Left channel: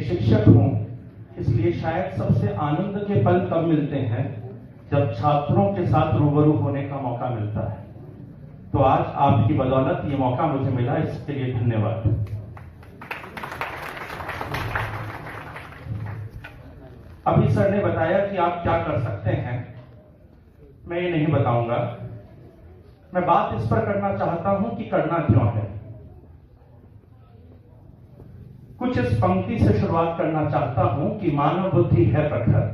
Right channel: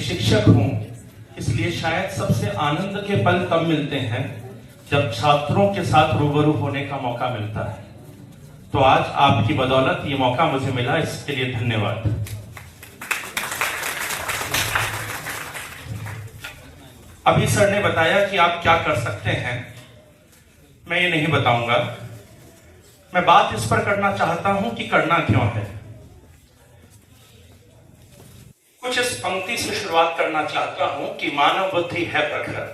शिक्षक हूं, इसलिए शायद सबसे आनंद के पल तब मिलते हैं जब छात्रों के साथ रूबरू होने का मौका मिलता है। तो आज आपकी बदौलत ये मौका मुझे मिला, इसके लिए धन्यवाद। अभी सर ने बताया कि आप क्या कर सकते हैं, मैं ये नहीं बताऊंगा। मैं बात इस पर करना चाहता हूं कि करना क्यों है। कुछ इस पंक्ति से शुरुआत करना चाहता हूं कि मानव बुद्धि है प्रखर,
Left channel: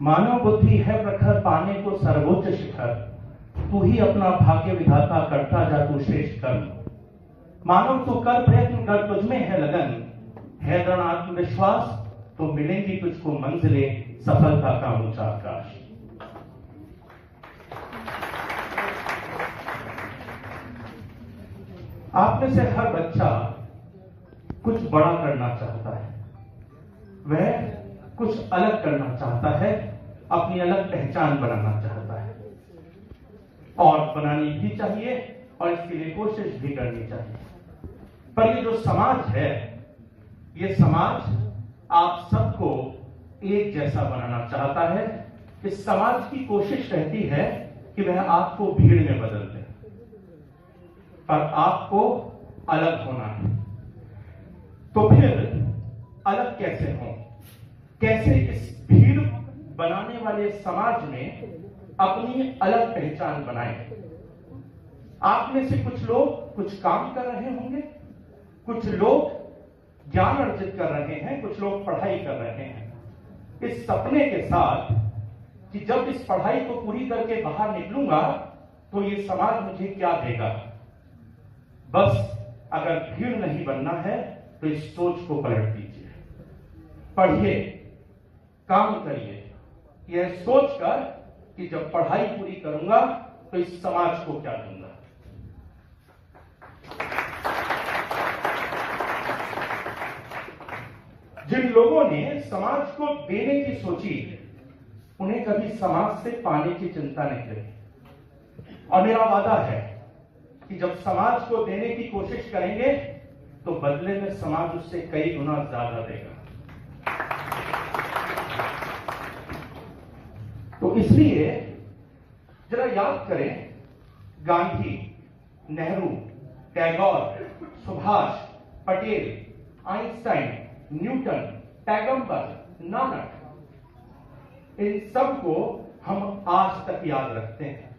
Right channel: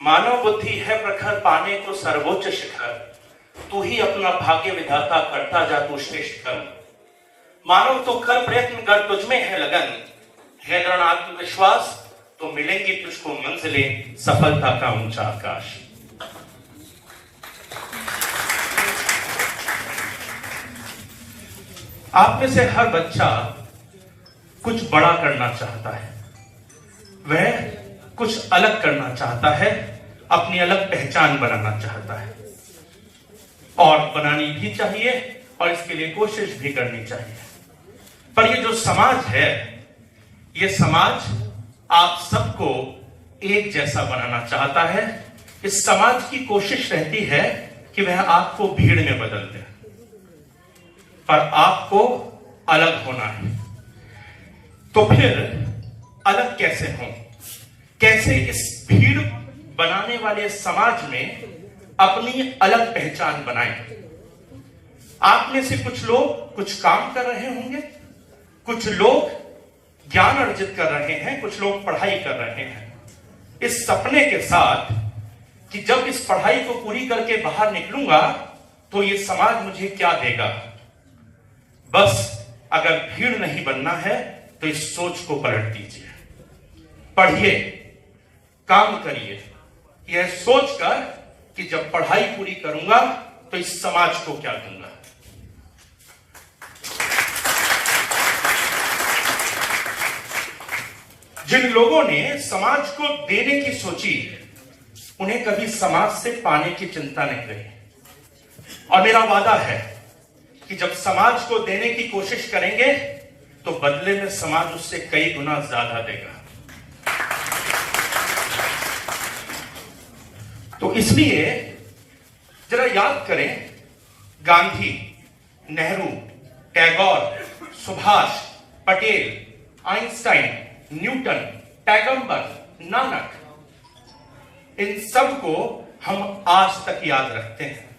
मानव बुद्धि है प्रखर, पाने को सर्वोच्च शिखर, तू ही अपना भाग्य विधाता, करता जा तू श्रेष्ठ कर्म। मानव तो कर प्रयत्न कर, तुझमें है लगन, है दृढ़ आत्मविश्वास, तो मिलेंगी तुझको मंजिलें, सफलता का ऊंचा आकाश। आप में से हर बच्चा कुछ बड़ा करना चाहता है, वह कुछ अलग करना चाहता है, अपनी अलग पहचान बनाना चाहता है, और बनानी भी चाहिए और इसके लिए कोशिश भी करनी चाहिए। पर ये जो समाज है, ये समाज आप सबको एक जैसा बनाना चाहता है। इस समाज की कोशिश रहती है कि वह आपको भीड़ में बदल दे, पर आपको अलग होना है। तो फिर अलग कैसे हो, कैसे इस भीड़ बनाने वाले समाज में अपनी अलग पहचान बनाएं। आप में से कुछ लोग कुछ काम कर रहे होंगे, कुछ लोग ज्ञान अर्जित कर रहे हैं, कुछ लोग पढ़ाई कर रहे हैं, इस सपने के साथ कि जब इस पढ़ाई को पूरी करके बाहर निकलूंगा तो ये समाज मुझे क्या देगा। बस अगर भीड़ नहीं बनना है तो इस सोच को पलट दीजिए, पढ़िए, काम करिए, यह सोचकर कि जब पढ़ाई पूरी करूंगा तो इस समाज को क्या दूंगा। जिन लोगों ने समाज को देने की सोची, उन्हें कभी समाज से पाने की चिंता नहीं रही। और मेरा वादा है कि जब समाज को देने की कोशिश करेंगे तो बदले में समाज उससे कई गुना ज्यादा देगा। तो इसलिए जरा याद करें, गांधी, नेहरू, टैगोर, सुभाष, पटेल, आइंस्टाइन, न्यूटन, पैगंबर, नानक, इन सब को हम आज तक याद रखते हैं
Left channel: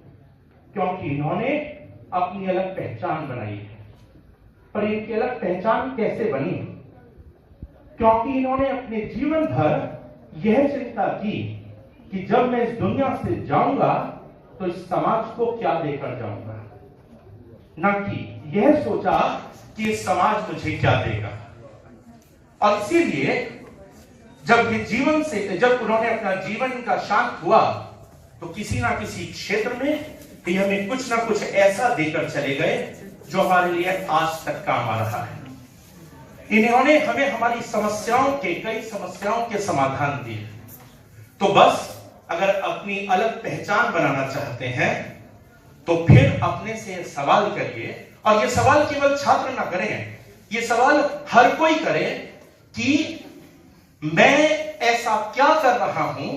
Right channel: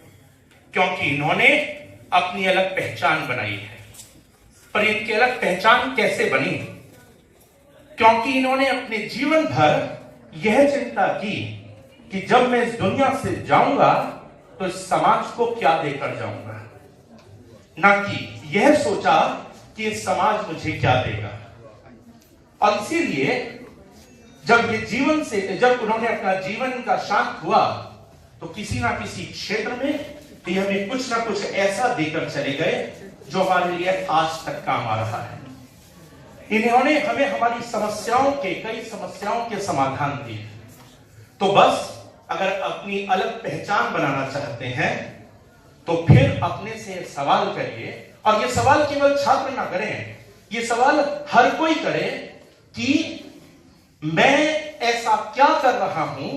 क्योंकि इन्होंने अपनी अलग पहचान बनाई है। पर इनकी अलग पहचान कैसे बनी? क्योंकि इन्होंने अपने जीवन भर यह चिंता की कि जब मैं इस दुनिया से जाऊंगा तो इस समाज को क्या देकर जाऊंगा, ना कि यह सोचा कि इस समाज मुझे क्या देगा। और इसीलिए जब उन्होंने अपना जीवन का शांत हुआ तो किसी ना किसी क्षेत्र में भी हमें कुछ ना कुछ ऐसा देकर चले गए जो हमारे लिए आज तक काम आ रहा है। इन्होंने हमें हमारी कई समस्याओं के समाधान दिए। तो बस अगर अपनी अलग पहचान बनाना चाहते हैं तो फिर अपने से सवाल करिए, और ये सवाल केवल छात्र ना करें, ये सवाल हर कोई करे कि मैं ऐसा क्या कर रहा हूं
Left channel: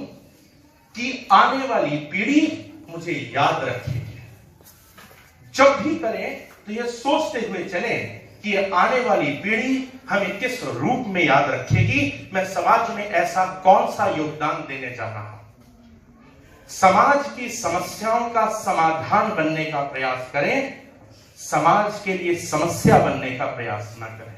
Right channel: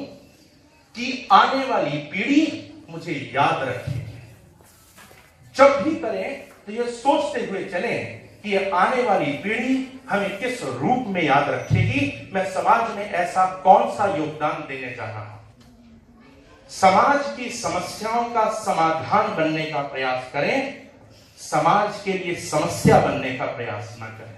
कि आने वाली पीढ़ी मुझे याद रखेगी। जब भी करें तो यह सोचते हुए चले कि आने वाली पीढ़ी हमें किस रूप में याद रखेगी, मैं समाज में ऐसा कौन सा योगदान देने जा रहा हूं। समाज की समस्याओं का समाधान बनने का प्रयास करें, समाज के लिए समस्या बनने का प्रयास न करें।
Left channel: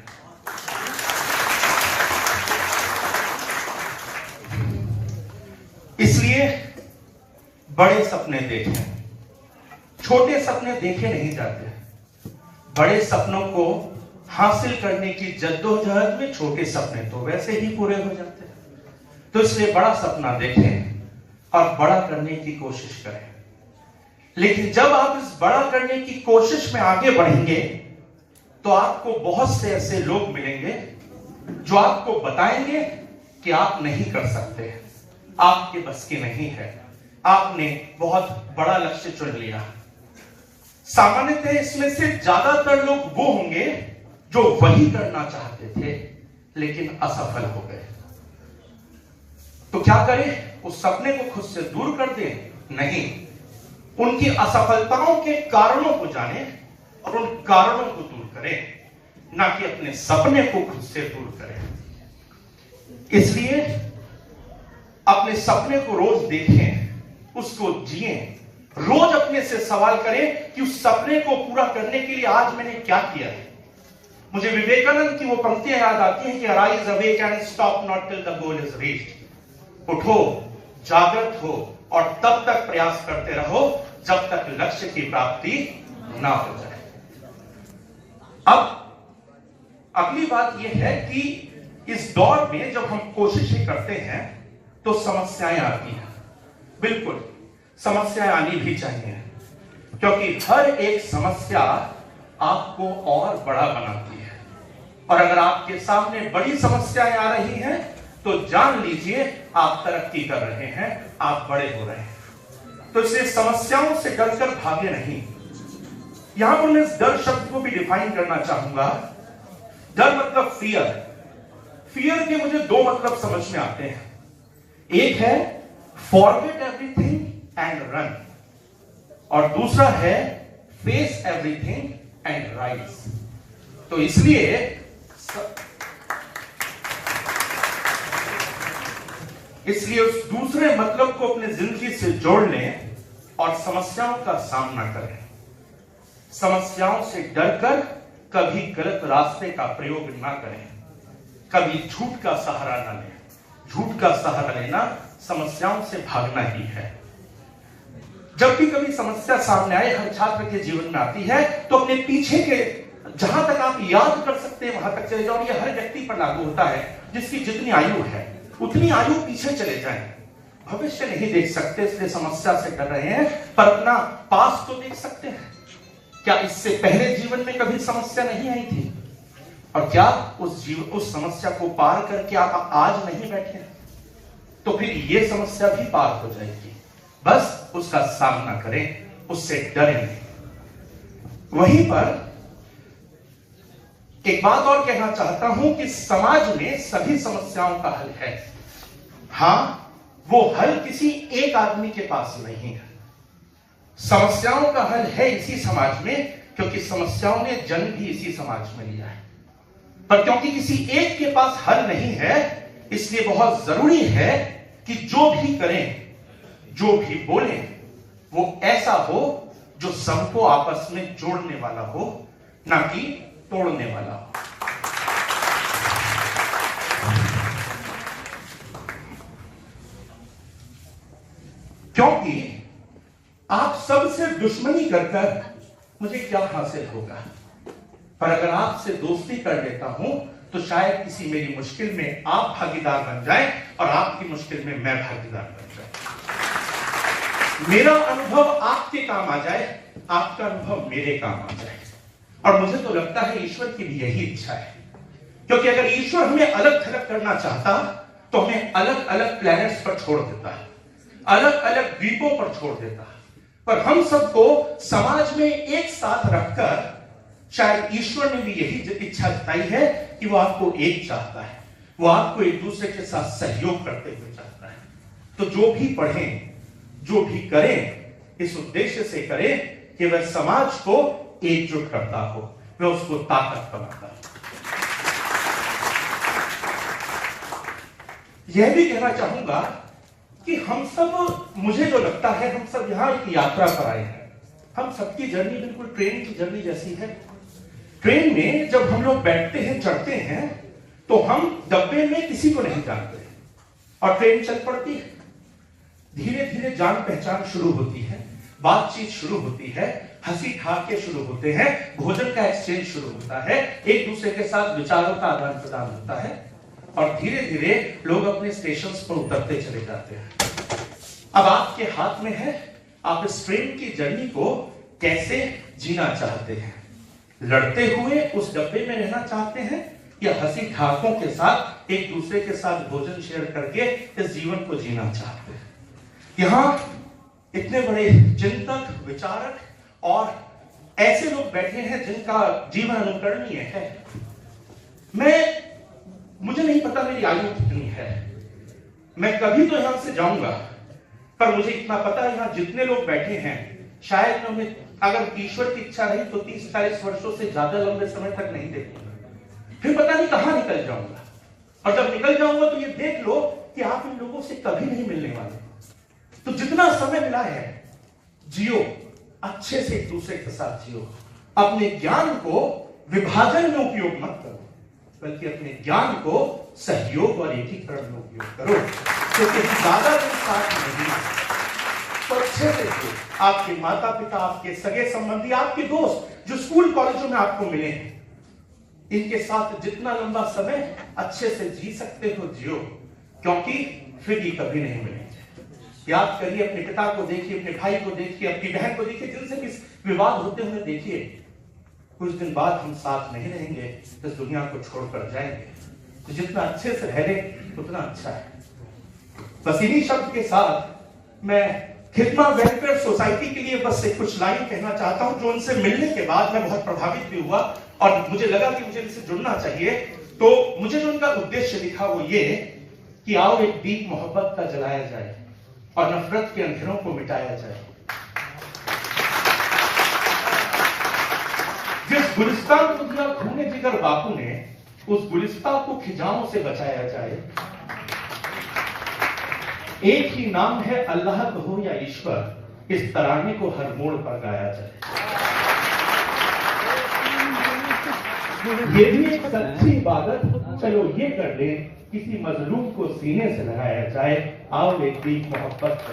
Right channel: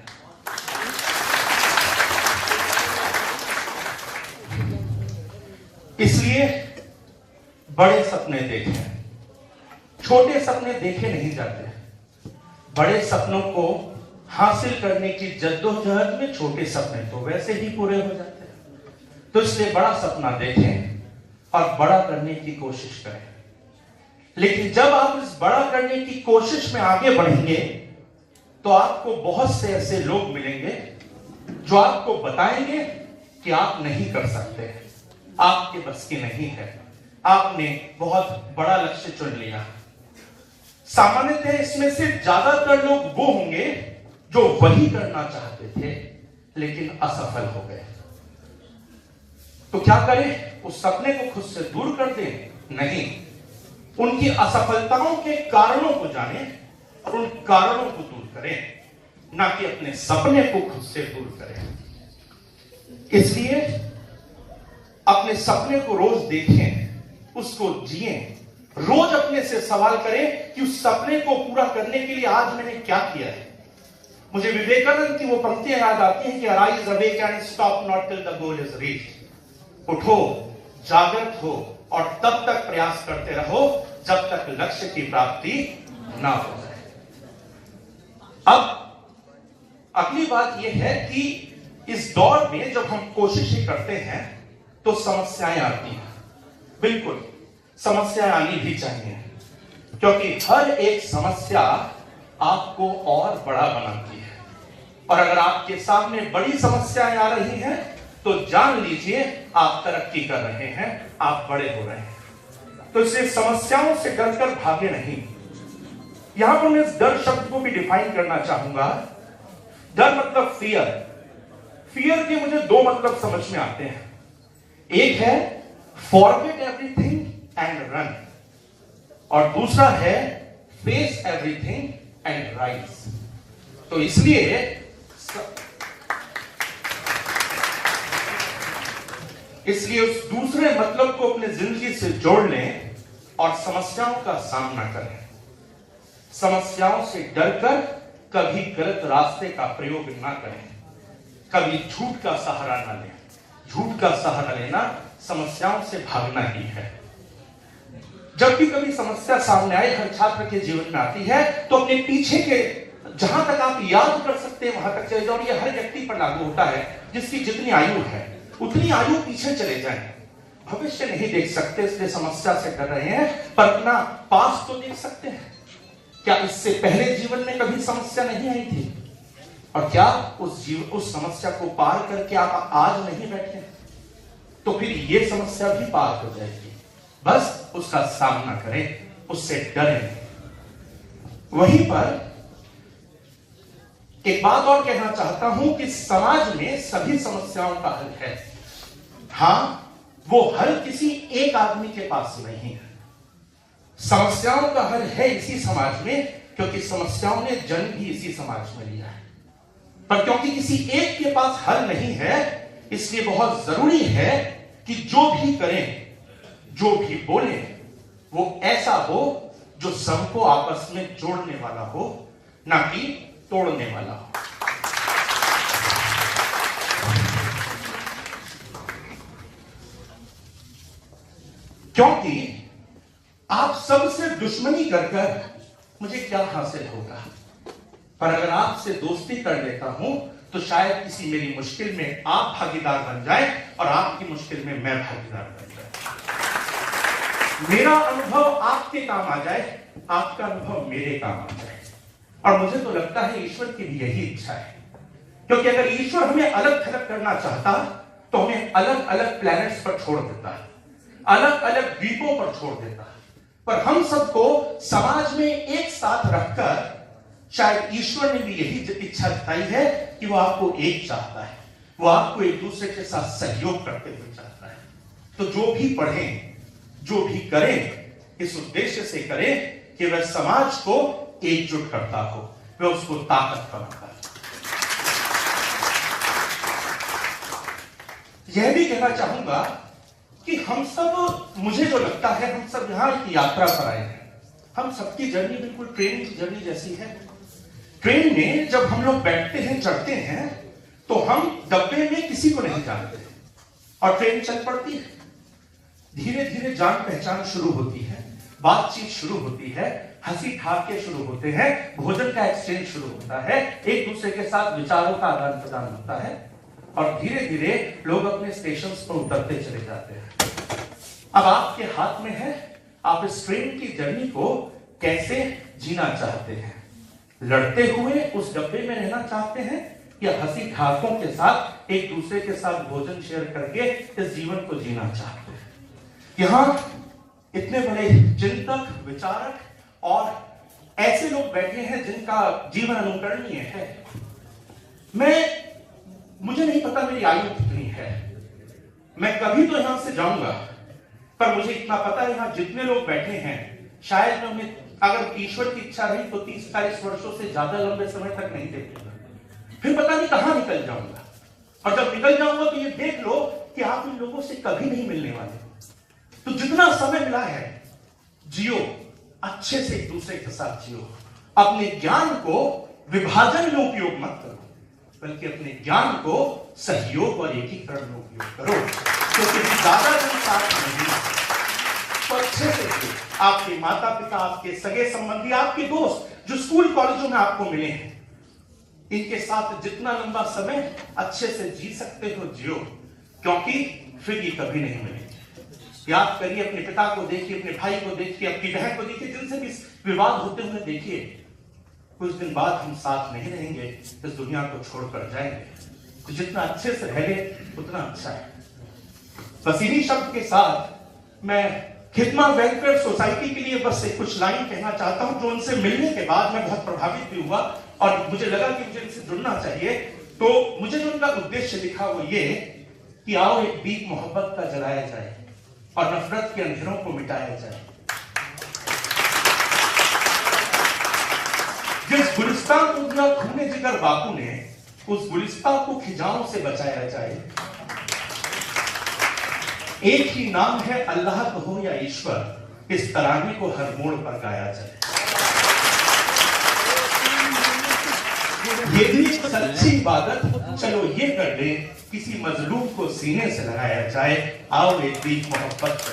इसलिए बड़े सपने देखें, छोटे सपने देखे नहीं जाते। बड़े सपनों को हासिल करने की जद्दोजहद में छोटे सपने तो वैसे ही पूरे हो जाते हैं। तो इसलिए बड़ा सपना देखें और बड़ा करने की कोशिश करें। लेकिन जब आप इस बड़ा करने की कोशिश में आगे बढ़ेंगे तो आपको बहुत से ऐसे लोग मिलेंगे जो आपको बताएंगे कि आप नहीं कर सकते, आपके बस की नहीं है, आपने बहुत बड़ा लक्ष्य चुन लिया। सामान्यतः इसमें से ज्यादातर लोग वो होंगे जो वही करना चाहते थे लेकिन असफल हो गए। तो क्या करें? उस सपने को खुद से दूर कर दें? नहीं, उनकी असफलताओं के कारणों को जाने और उन कारणों को दूर करें, ना कि अपने सपने को खुद से दूर करें। इसलिए अपने सपने को रोज देखें, उसको जिए, रोज अपने से सवाल करें कि उस सपने को पूरा करने के लिए आज मैंने क्या किया है। मुझे विवेकानंद की वो पंक्तियां याद आती हैं कि arise awake and stop not till the goal is reached. उठो, जागृत हो और तब तक प्रयास करते रहो जब तक लक्ष्य की प्राप्ति ना हो जाए। अब अगली बात यह है कि इस दौर में जब हम कोशिशें करते हैं तो समस्याएं आती हैं। बिल्कुल, समस्याएं आनी भी चाहिए, क्योंकि हर एक समस्या आपको और बड़ा बनाती है। और अगर आपके सामने बड़ी समस्याएं आ रही हैं तो जान लीजिए आप तरक्की कर रहे हैं, आप बड़े हो रहे हैं। तो इसलिए समस्याओं से डरकर भागे नहीं। यहां पर मैं इस डर शब्द को भी डिफाइन करना चाहूंगा। डर मतलब फियर। फियर के मुझे दो मतलब समझ में आते हैं। एक है फॉरगेट एवरीथिंग एंड रन, और दूसरा है फेस एवरीथिंग एंड राइज। तो इसलिए उस दूसरे मतलब को अपनी जिंदगी से जोड़ लें और समस्याओं का सामना करें। समस्याओं से डरकर कभी गलत रास्ते का प्रयोग ना करें, कभी झूठ का सहारा ना लें। झूठ का सहारा लेना समस्याओं से भागना ही है। जब भी कभी समस्या सामने आए, हर छात्र के जीवन में आती है, तो अपने पीछे के जहां तक आप याद कर सकते हैं वहां तक चले जाओ। ये हर व्यक्ति पर लागू होता है। जिसकी जितनी आयु है उतनी आयु पीछे चले जाएं। भविष्य नहीं देख सकते इसलिए समस्या से डर रहे हैं, पर अपना पास तो देख सकते हैं। क्या इससे पहले जीवन में कभी समस्या नहीं आई थी? और क्या उस समस्या को पार करके आप आज नहीं बैठे? तो फिर ये समस्या भी पार हो जाएगी। बस उसका सामना करें, उससे डरें नहीं। वहीं पर एक बात और कहना चाहता हूं कि समाज में सभी समस्याओं का हल है। हां, वो हल किसी एक आदमी के पास नहीं है। समस्याओं का हल है इसी समाज में, क्योंकि समस्याओं ने जन्म भी इसी समाज में लिया है। पर क्योंकि किसी एक के पास हल नहीं है, इसलिए बहुत जरूरी है कि जो भी करें, जो भी बोलें, वो ऐसा हो जो सबको आपस में जोड़ने वाला हो, ना कि तोड़ने वाला हो। क्योंकि आप सबसे दुश्मनी कर मुझे क्या हासिल होगा? पर अगर आपसे दोस्ती कर लेता हूं तो शायद किसी मेरी मुश्किल में आप भागीदार बन जाए और आपकी मुश्किल में मैं भागीदार बन जाए। मेरा अनुभव आपके काम आ जाए, आपका अनुभव मेरे काम आ जाए। और मुझे तो लगता है ईश्वर की भी यही इच्छा है, क्योंकि अगर ईश्वर हमें अलग थलग करना चाहता तो हमें अलग अलग प्लैनेट्स पर छोड़ देता है, अलग अलग द्वीपों पर छोड़ देता है। पर हम सबको समाज में एक साथ रखकर शायद ईश्वर ने भी यही इच्छा जताई है कि वो आपको एक चाहता है, वो आपको एक दूसरे के साथ सहयोग करते हुए चाहता है। तो जो भी पढ़ें, जो भी करें, इस उद्देश्य से करें कि वह समाज को एकजुट करता हो, वह उसको ताकत बनाता है। यह भी कहना चाहूंगा कि हम सब, मुझे जो लगता है, हम सब यहां एक यात्रा पर आए हैं। हम सबकी जर्नी बिल्कुल ट्रेन की जर्नी जैसी है। ट्रेन में जब हम लोग बैठते हैं, चढ़ते हैं, तो हम डब्बे में किसी को नहीं जानते और ट्रेन चल पड़ती है। धीरे धीरे जान पहचान शुरू होती है, बातचीत शुरू होती है, हंसी ठाट्टे शुरू होते हैं, भोजन का एक्सचेंज शुरू होता है, एक दूसरे के साथ विचारों का आदान प्रदान होता है, और धीरे धीरे लोग अपने स्टेशन पर उतरते चले जाते हैं। अब आपके हाथ में है, आप इस ट्रेन की जर्नी को कैसे जीना चाहते हैं? लड़ते हुए उस डब्बे में रहना चाहते हैं, या हंसी ठाटों के साथ एक दूसरे के साथ भोजन शेयर करके इस जीवन को जीना चाहते हैं? यहां इतने बड़े चिंतक, विचारक और ऐसे लोग बैठे हैं जिनका जीवन अनुकरणीय है। मैं मुझे नहीं पता मेरी आयु कितनी है, मैं कभी तो यहां से जाऊंगा, पर मुझे इतना पता है यहां जितने लोग बैठे हैं शायद मैं अगर ईश्वर की इच्छा रही तो 30-40 वर्षों से ज्यादा लंबे समय तक नहीं देख, फिर पता नहीं कहां निकल जाऊंगा। और जब निकल जाऊंगा तो ये देख लो कि आप इन लोगों से कभी नहीं मिलने वाले। तो जितना समय मिला है जियो, अच्छे से एक दूसरे के साथ जियो। अपने ज्ञान को विभाजन में उपयोग मत करो, बल्कि अपने ज्ञान को सहयोग और एकीकरण में उपयोग करो। क्योंकि ज्यादा दिन साथ नहीं तो अच्छे से आपके माता पिता, आपके सगे संबंधी, आपके दोस्त जो स्कूल कॉलेजों में आपको मिले हैं, इनके साथ जितना लंबा समय अच्छे से जी सकते हो जियो, क्योंकि फिर ये कभी नहीं मिलेंगे। याद करिए, अपने पिता को देखिए, अपने भाई को देखिए, अपनी बहन को देखिए, जिनसे भी विवाद होते हुए देखिए, कुछ दिन बाद हम साथ नहीं रहेंगे, इस दुनिया को छोड़कर जाएंगे। तो जितना अच्छे से रह ले उतना अच्छा है। बस इन्हीं शब्द के साथ मैं खिदमा वेलफेयर सोसाइटी के लिए बस एक कुछ लाइन कहना चाहता हूं, जो उनसे मिलने के बाद मैं बहुत प्रभावित भी हुआ और मुझे लगा कि मुझे इनसे जुड़ना चाहिए। तो मुझे जो उनका उद्देश्य दिखा वो ये कि आओ एक दीप मोहब्बत का जलाया जाए और नफरत के अंधेरों को मिटाया जाए। जिस गुलिस्तान को दिया खूने जिगर बापू ने, उस गुलिस्तान को खिजाओं से बचाया जाए। एक ही नाम है, अल्लाह कहो या ईश्वर, इस तराने को हर मोड़ पर गाया जाए। ये भी एक सच्ची इबादत, चलो ये कर ले, किसी मजलूम को सीने से लगाया जाए। आओ एक दीप मोहब्बत का